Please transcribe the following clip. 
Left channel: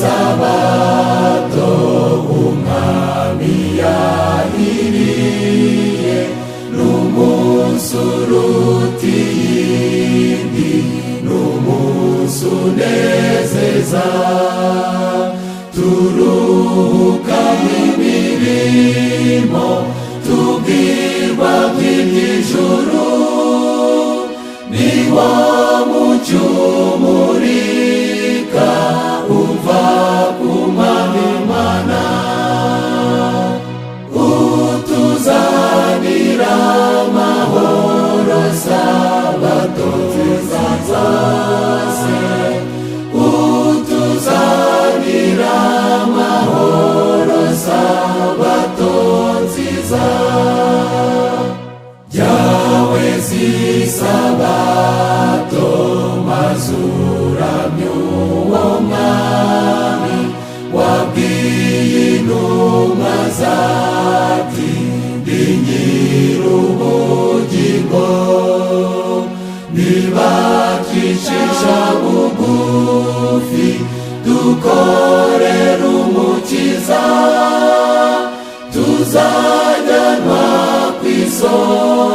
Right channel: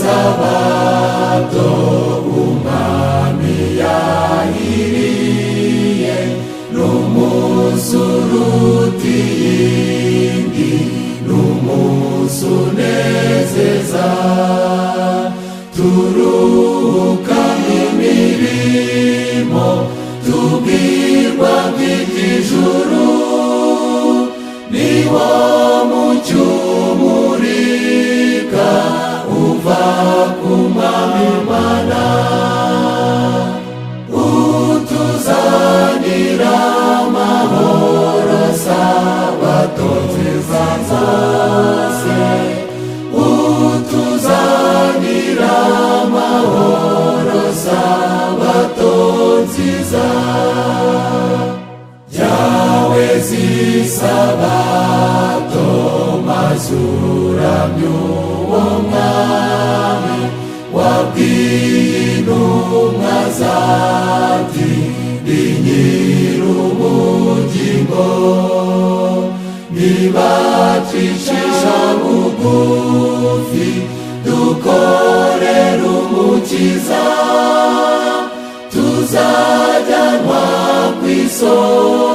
isabato umwami yahiriye n'umunsi uruta iyindi, n'umunsi unezeza, turuhuka imirimo tubwirwa kw'iby'ijuru, ni wo mucyo umurika uva ku Mwami Imana, utuzanira amahoro sabato nziza zose, utuzanira amahoro sabato nziza. Yawe zisabato mazuramye uwo Mwami wabwiye intumwa zati ndi nyir'ubugingo, nibacishisha bugufi dukorera Umukiza, tuzajyanwa kw'isoko